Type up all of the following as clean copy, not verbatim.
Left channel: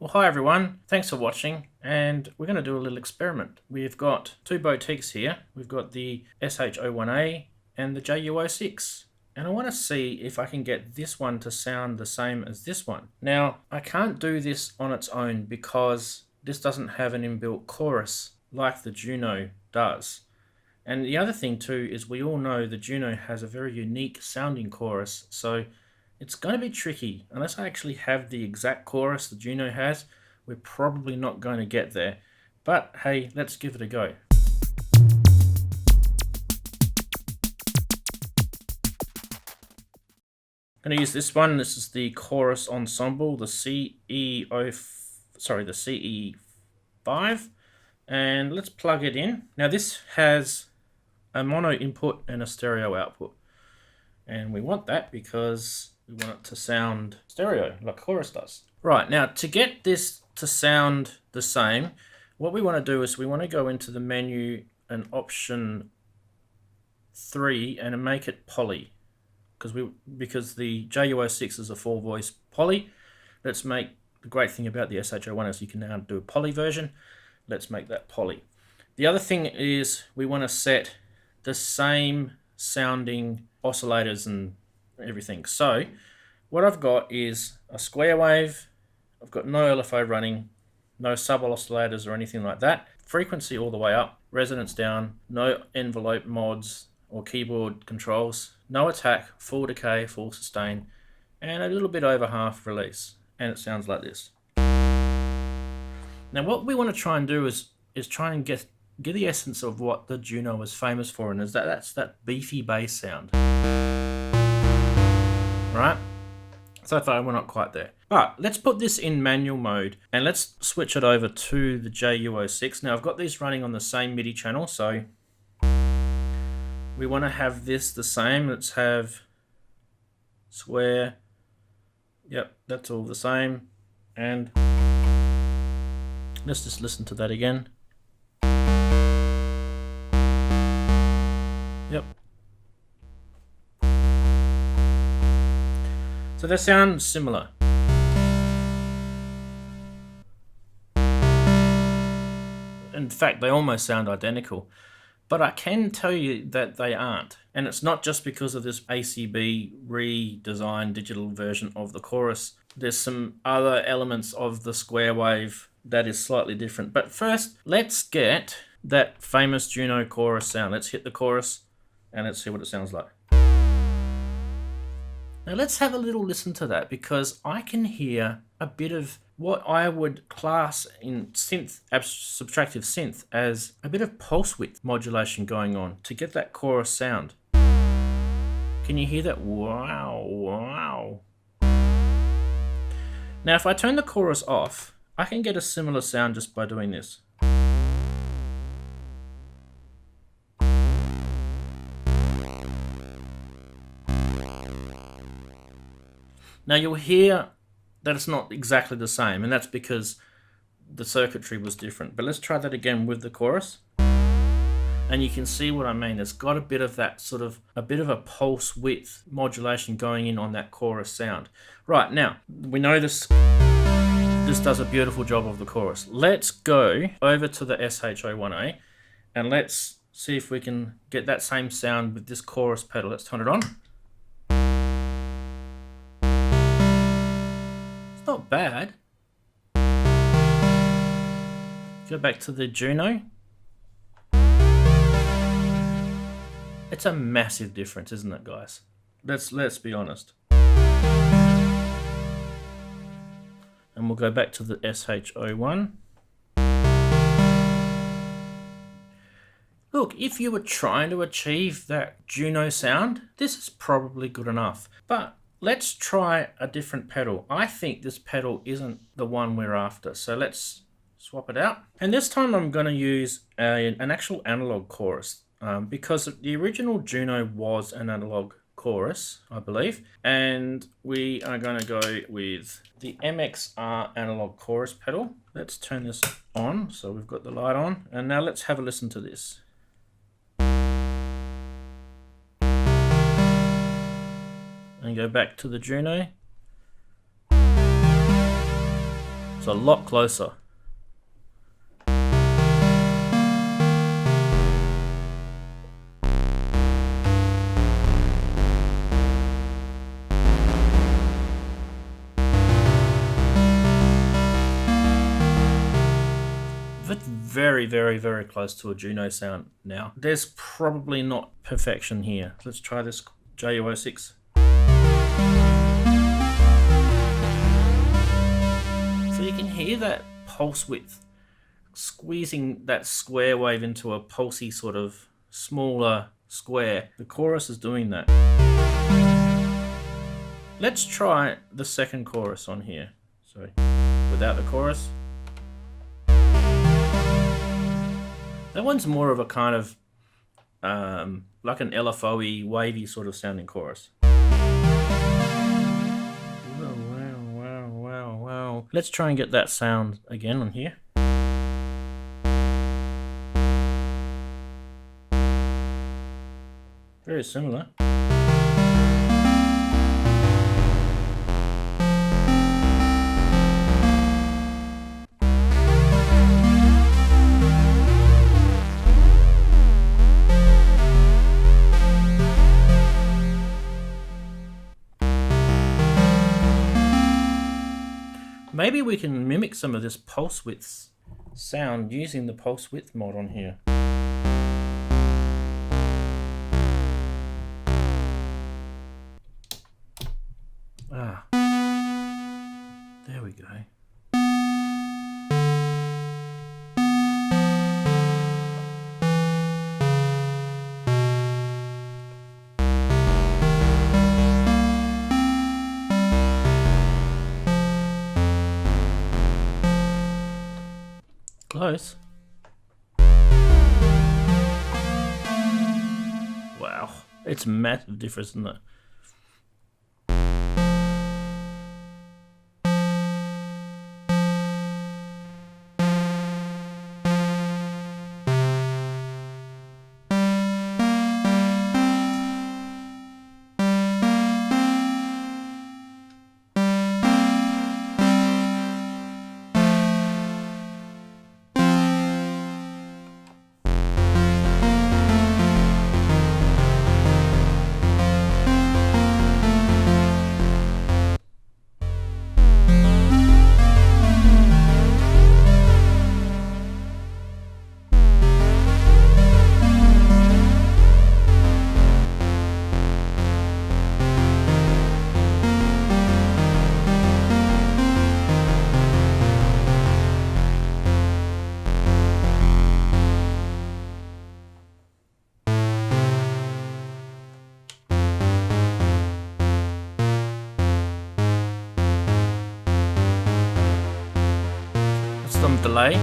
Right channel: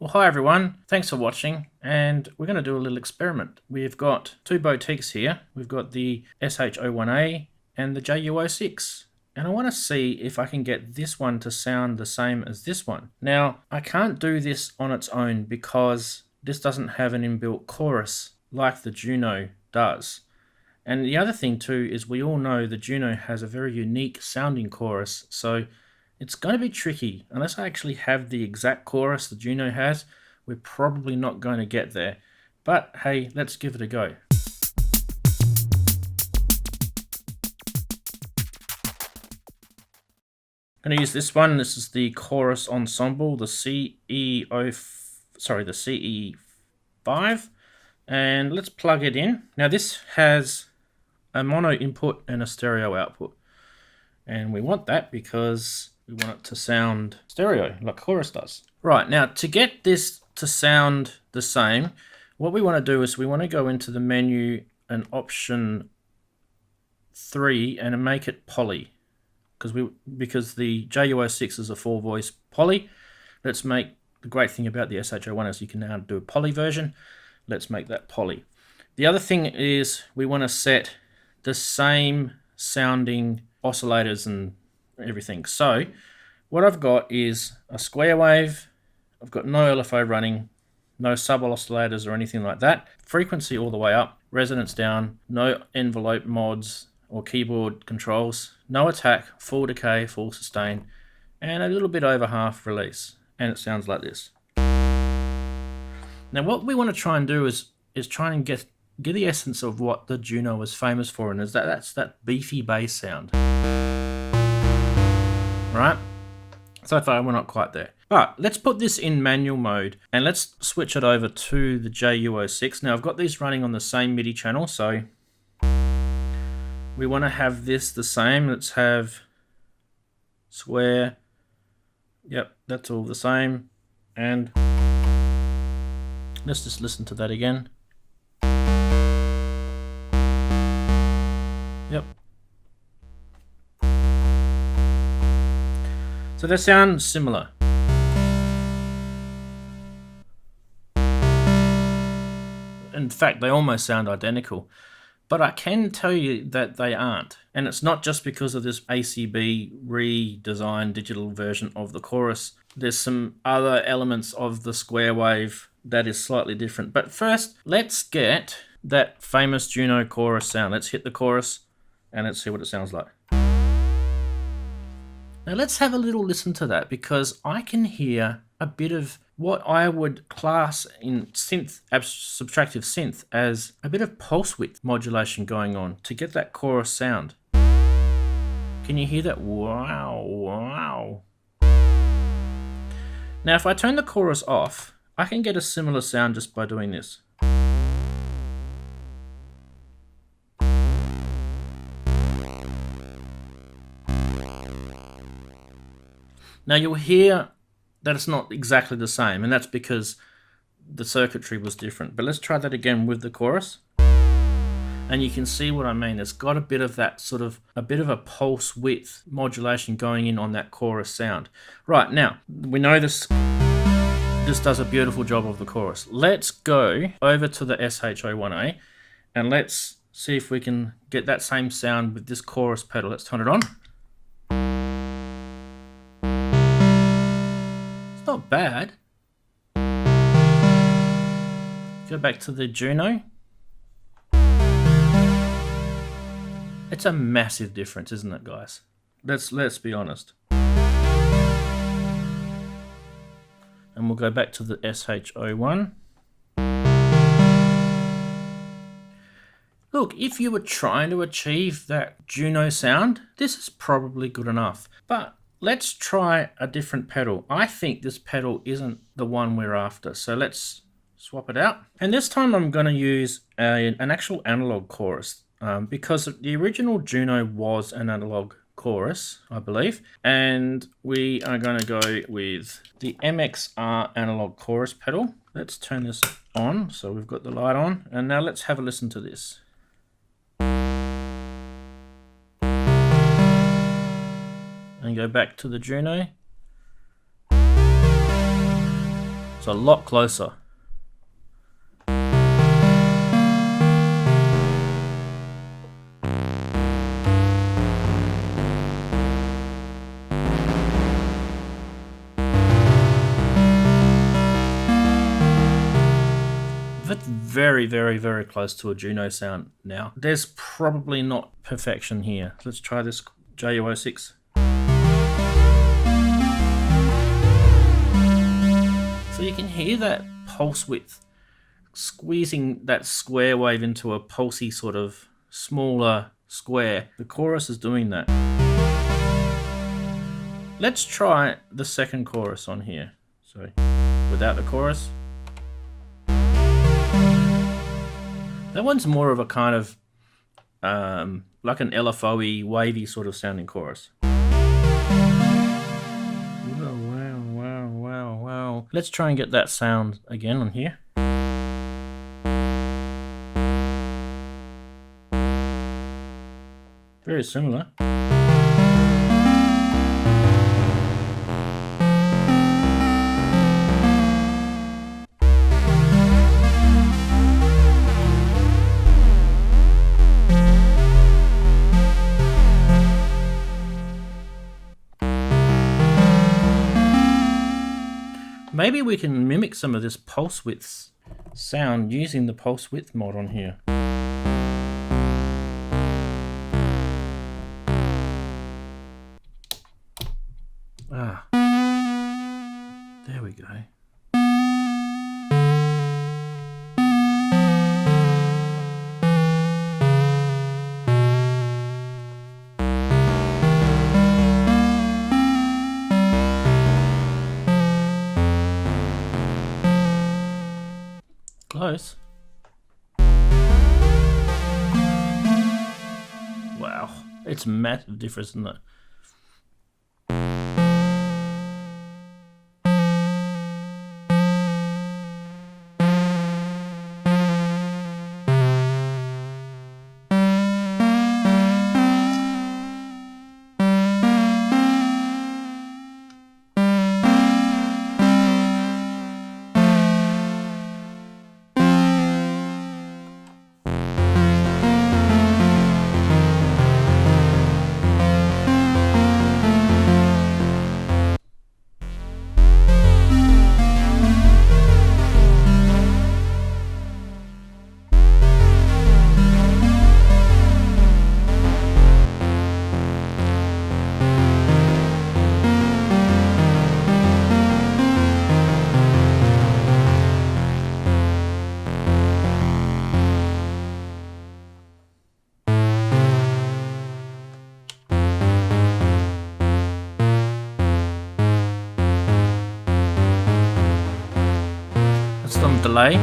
Well, hi everyone, thanks for watching, and we're going to do a little experiment. We've got two boutiques here. We've got the SH-01A and the JU06. And I want to see if I can get this one to sound the same as this one. Now, I can't do this on its own because this doesn't have an inbuilt chorus like the Juno does. And the other thing too is we all know the Juno has a very unique sounding chorus, so it's going to be tricky. Unless I actually have the exact chorus the Juno has, we're probably not going to get there. But hey, let's give it a go. I'm going to use this one. This is the chorus ensemble, the CE5. And let's plug it in. Now this has a mono input and a stereo output. And we want that because we want it to sound stereo like chorus does. Right, now to get this to sound the same, what we want to do is we want to go into the menu and option 3 and make it poly. Because the JU06 is a 4-voice poly. Let's make, the great thing about the SH-01 is you can now do a poly version. Let's make that poly. The other thing is we want to set the same sounding oscillators and everything. So what I've got is a square wave. I've got no LFO running, no sub oscillators or anything like that. Frequency all the way up, resonance down, no envelope mods or keyboard controls, no attack, full decay, full sustain, and a little bit over half release. And it sounds like this. Now what we want to try and do is try and get the essence of what the Juno was famous for, and that's that beefy bass sound. Right? So far we're not quite there. But let's put this in manual mode and let's switch it over to the JU06. Now I've got these running on the same MIDI channel, so we want to have this the same. Let's have square. Yep, that's all the same. And let's just listen to that again. Yep. So they sound similar. In fact, they almost sound identical. But I can tell you that they aren't. And it's not just because of this ACB redesigned digital version of the chorus. There's some other elements of the square wave that is slightly different. But first, let's get that famous Juno chorus sound. Let's hit the chorus and let's see what it sounds like. Now let's have a little listen to that, because I can hear a bit of what I would class in synth, subtractive synth, as a bit of pulse width modulation going on to get that chorus sound. Can you hear that? Wow, wow. Now if I turn the chorus off, I can get a similar sound just by doing this. Now you'll hear that it's not exactly the same, and that's because the circuitry was different. But let's try that again with the chorus. And you can see what I mean. It's got a bit of that sort of, a bit of a pulse width modulation going in on that chorus sound. Right, now, we know this does a beautiful job of the chorus. Let's go over to the SH-01A and let's see if we can get that same sound with this chorus pedal. Let's turn it on. Not bad. Go back to the Juno. It's a massive difference, isn't it, guys? Let's be honest. And we'll go back to the SH-01. Look, if you were trying to achieve that Juno sound, this is probably good enough. But let's try a different pedal. I think this pedal isn't the one we're after, so let's swap it out. And this time I'm going to use an actual analog chorus, because the original Juno was an analog chorus, I believe. And we are going to go with the MXR analog chorus pedal. Let's turn this on, so we've got the light on. And now let's have a listen to this. And go back to the Juno. It's a lot closer. That's very, very, very close to a Juno sound now. There's probably not perfection here. Let's try this JU06. So you can hear that pulse width squeezing that square wave into a pulsy sort of smaller square. The chorus is doing that. Let's try the second chorus on here. Sorry, without the chorus. That one's more of a kind of like an LFO-y, wavy sort of sounding chorus. Wow, wow, wow, wow, wow. Let's try and get that sound again on here. Very similar. Maybe we can mimic some of this pulse width sound using the pulse width mod on here. Ah, there we go. Close. Wow, it's a massive difference, isn't it? Some delay.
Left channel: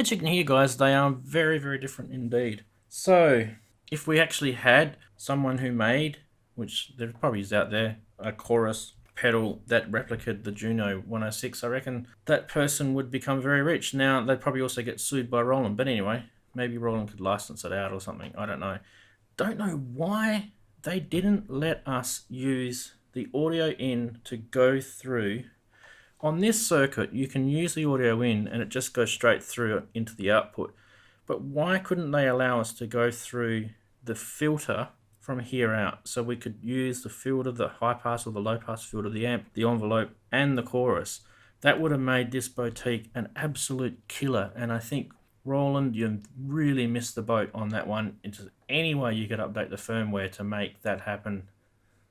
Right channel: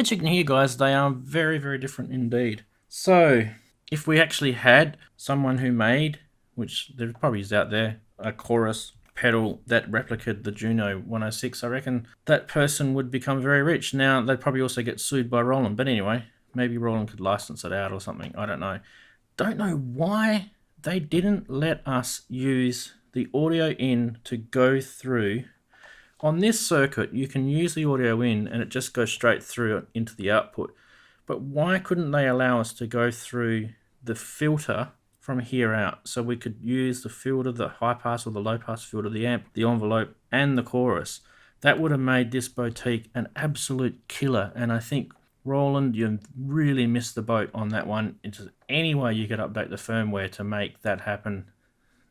As you can hear, guys, they are very, very different indeed. So if we actually had someone who made, which there probably is out there, a chorus pedal that replicated the Juno 106, I reckon that person would become very rich. Now, they'd probably also get sued by Roland, but anyway, maybe Roland could license it out or something. I don't know. Don't know why they didn't let us use the audio in to go through. On this circuit, you can use the audio in and it just goes straight through into the output. But why couldn't they allow us to go through the filter from here out? So we could use the filter, the high pass or the low pass filter, the amp, the envelope, and the chorus. That would have made this boutique an absolute killer. And I think, Roland, you really missed the boat on that one. If there's any way you could update the firmware to make that happen,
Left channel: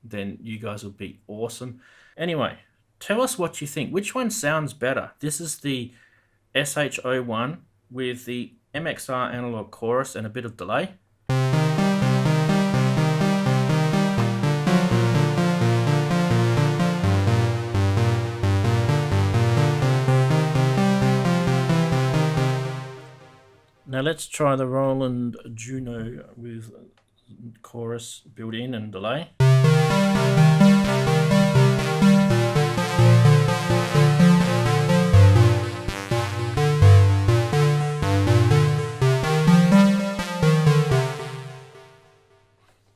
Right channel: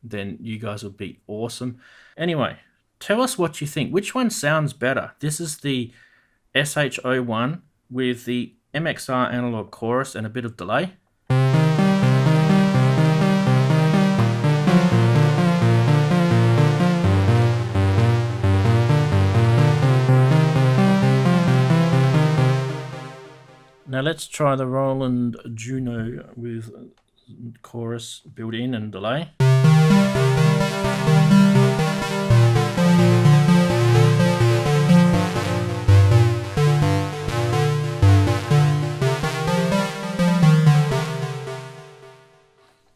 then you guys would be awesome. Anyway, Tell us what you think. Which one sounds better? This is the SH-01 with the MXR analog chorus and a bit of delay. Now let's try the Roland Juno with chorus built in and delay.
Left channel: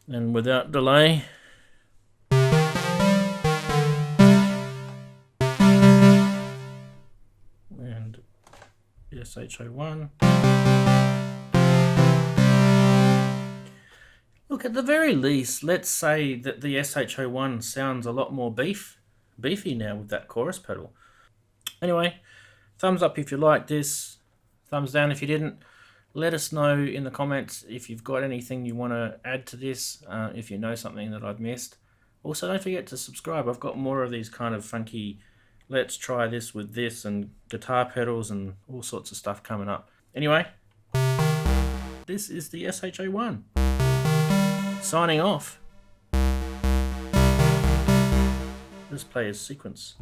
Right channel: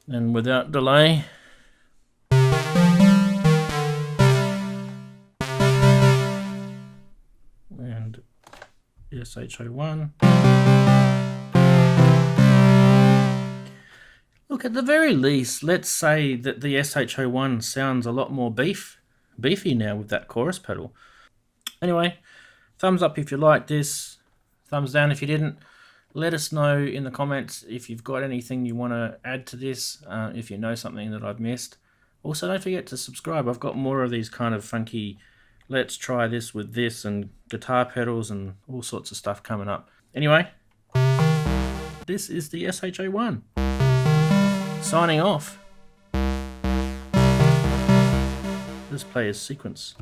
And without delay. And the SH-01. Look, at the very least, let's say that the SH-01 sounds a lot more beefy now with that chorus pedal. Anyway, thumbs up if you like this, thumbs down if you didn't. Let us know in the comments if you've got anything you want to add to this, if you know something that I've missed. Also, don't forget to subscribe. I've got more of these kind of funky, let's try this with this, and guitar pedals and all sorts of stuff coming up. Anyway, this is the SH-01. Signing off. Let's play a sequence.